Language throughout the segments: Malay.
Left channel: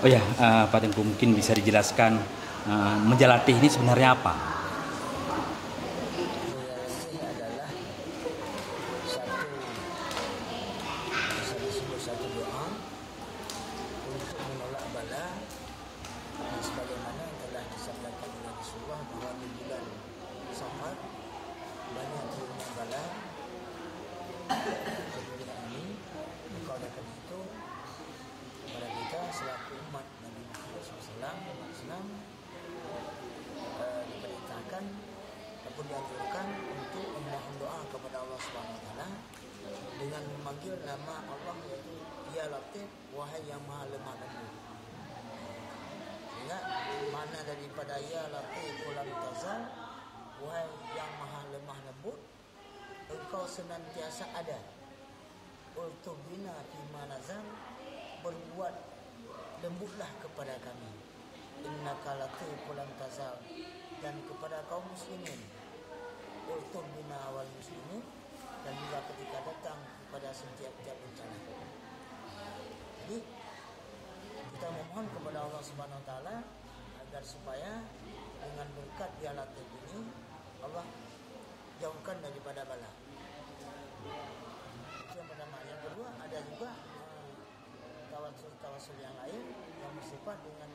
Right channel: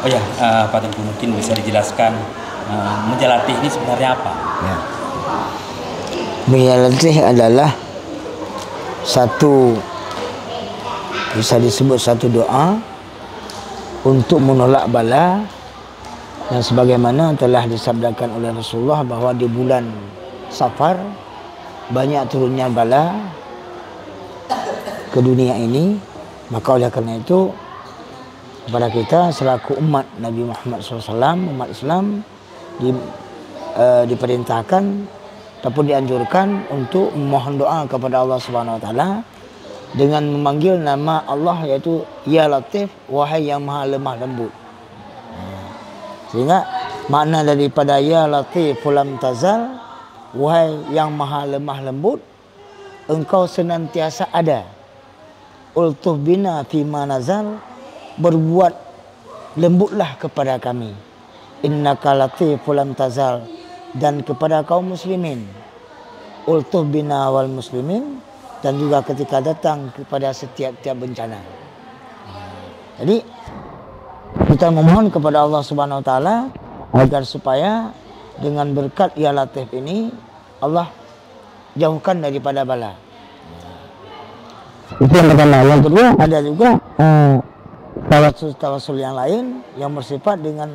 Oh ya, Pak Tengku mungkin bisa dijelaskan menjalatih ini sebenarnya apa? Ya. Menjalatih adalah satu, bisa disebut satu doa untuk menolak bala, dan sebagaimana telah disabdakan oleh Rasulullah bahwa di bulan Safar banyak turunnya bala ke dunia ini. Maka oleh karena itu kepada kita selaku umat Nabi Muhammad SAW, umat Islam, diperintahkan ataupun dianjurkan untuk memohon doa kepada Allah Subhanahu Wa Taala dengan memanggil nama Allah, yaitu Ya Latif, wahai yang maha lemah lembut. Sehingga makna daripada Ya Latif lam tazal, wahai yang maha lemah lembut, engkau senantiasa ada. Ultuh bina fima nazal, berbuat lembutlah kepada kami. Innaka latif lam tazal, dan kepada kaum muslimin. Ultuh bina wal muslimin, dan juga ketika datang kepada setiap-tiap bencana. Jadi kita memohon kepada Allah Subhanahu Wa Taala agar supaya dengan berkat Ya Latif ini Allah jauhkan daripada bala. Itu yang pertama. Yang kedua, ada juga tawasul yang lain yang bersifat dengan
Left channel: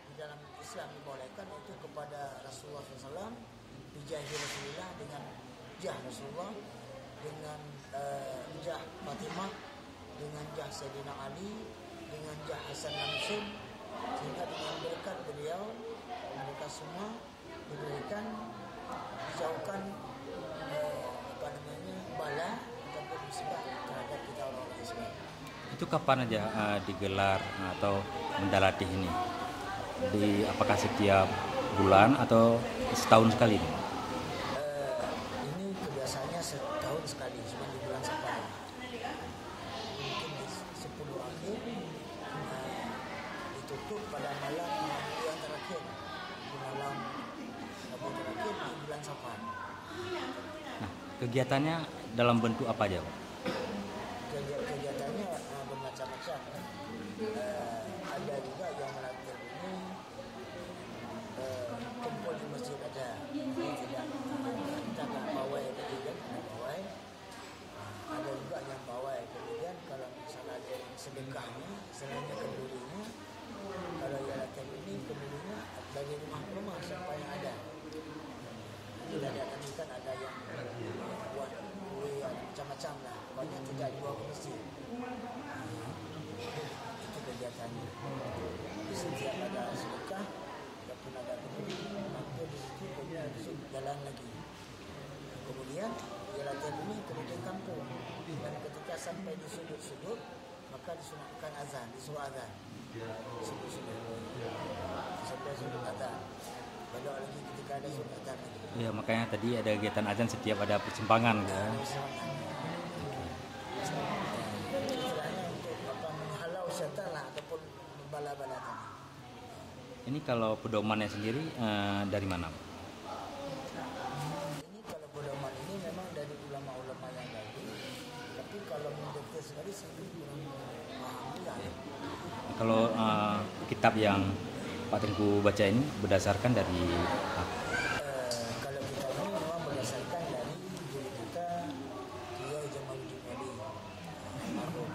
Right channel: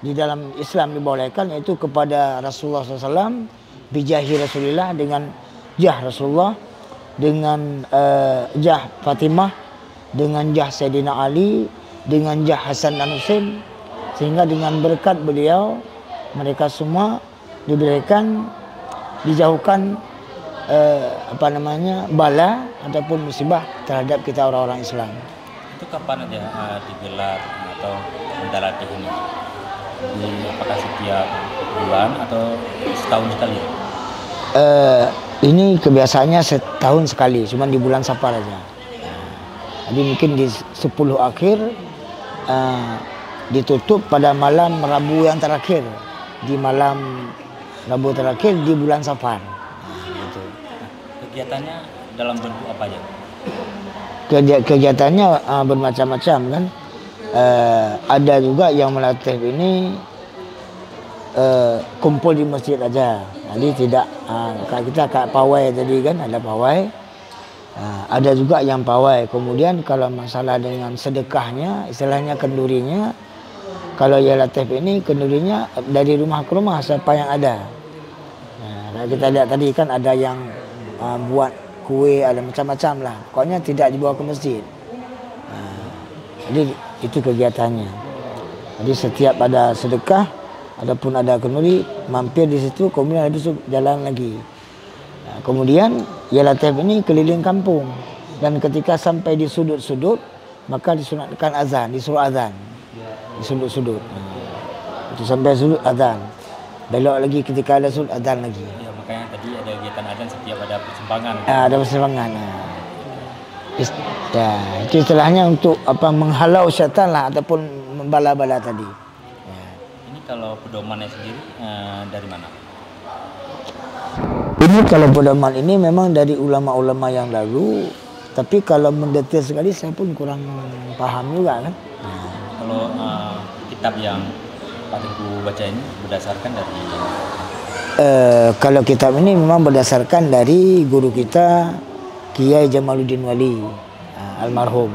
di dalam Islam dibolehkan, yaitu kepada Rasulullah SAW, bijahi Rasulullah, dengan jah Rasulullah, dengan jah Fatimah, dengan jah Sayyidina Ali, dengan jah Hasan dan Husain, sehingga dengan berkat beliau mereka semua diberikan, dijauhkan bala ataupun musibah terhadap kita orang-orang Islam. Itu kapan aja digelar atau menjalatih ini? Apakah setiap bulan atau setahun sekali? Ini kebiasaannya setahun sekali, cuma di bulan Safar aja. Jadi mungkin di 10 akhir ditutup pada malam Rabu yang terakhir, di malam Rabu terakhir di bulan Safar. Gitu. Kegiatannya dalam bentuk apa aja? Kegiatannya bermacam-macam kan. Ada juga yang melatih ini kumpul di masjid aja. Jadi tidak kita kayak pawai tadi kan, ada pawai. Ada juga yang pawai. Kemudian kalau masalah dengan sedekahnya, istilahnya kendurinya, kalau Ya Latif ini kendurinya dari rumah ke rumah siapa yang ada. Nah, kita lihat tadi kan ada yang buat kue, ada macam-macam lah. Pokoknya tidak dibawa ke masjid. Jadi itu kegiatannya. Jadi setiap ada sedekah, adapun ada kenduri, mampir di situ, kemudian habis itu jalan lagi. Kemudian Ya Latif ini keliling kampung, dan ketika sampai di sudut-sudut maka disunatkan azan, disuruh azan di sudut-sudut. Itu sampai sudut azan, belok lagi ketika ada sudut azan lagi. Ya, makanya tadi ada kegiatan azan setiap ada persembahan. Ada persembahan. Ya, itu istilahnya untuk menghalau syaitan lah, ataupun bala-bala tadi. Ya. Ini kalau pedomannya sendiri dari mana? Ini kalau pedoman ini memang dari ulama-ulama yang lalu, tapi kalau mendetail sekali saya pun kurang paham juga kan. Kalau kitab yang Pak Tengku baca ini berdasarkan dari kalau kitab ini memang berdasarkan dari guru kita Kiai Jamaluddin Wali almarhum.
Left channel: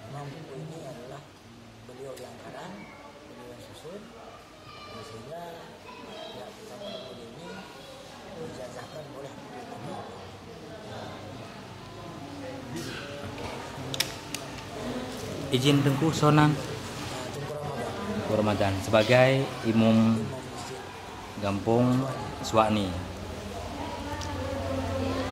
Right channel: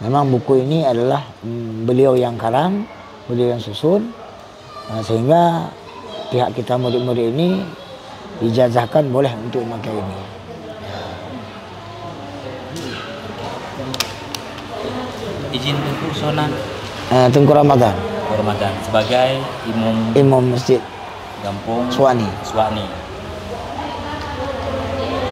Memang buku ini adalah beliau yang karang, beliau yang susun, sehingga pihak kita murid-murid ini dijazahkan boleh untuk memakai ini. Izin Tengku Sonan Tengku Ramadan sebagai imam Imam Masjid Kampung Suwani. Suwani.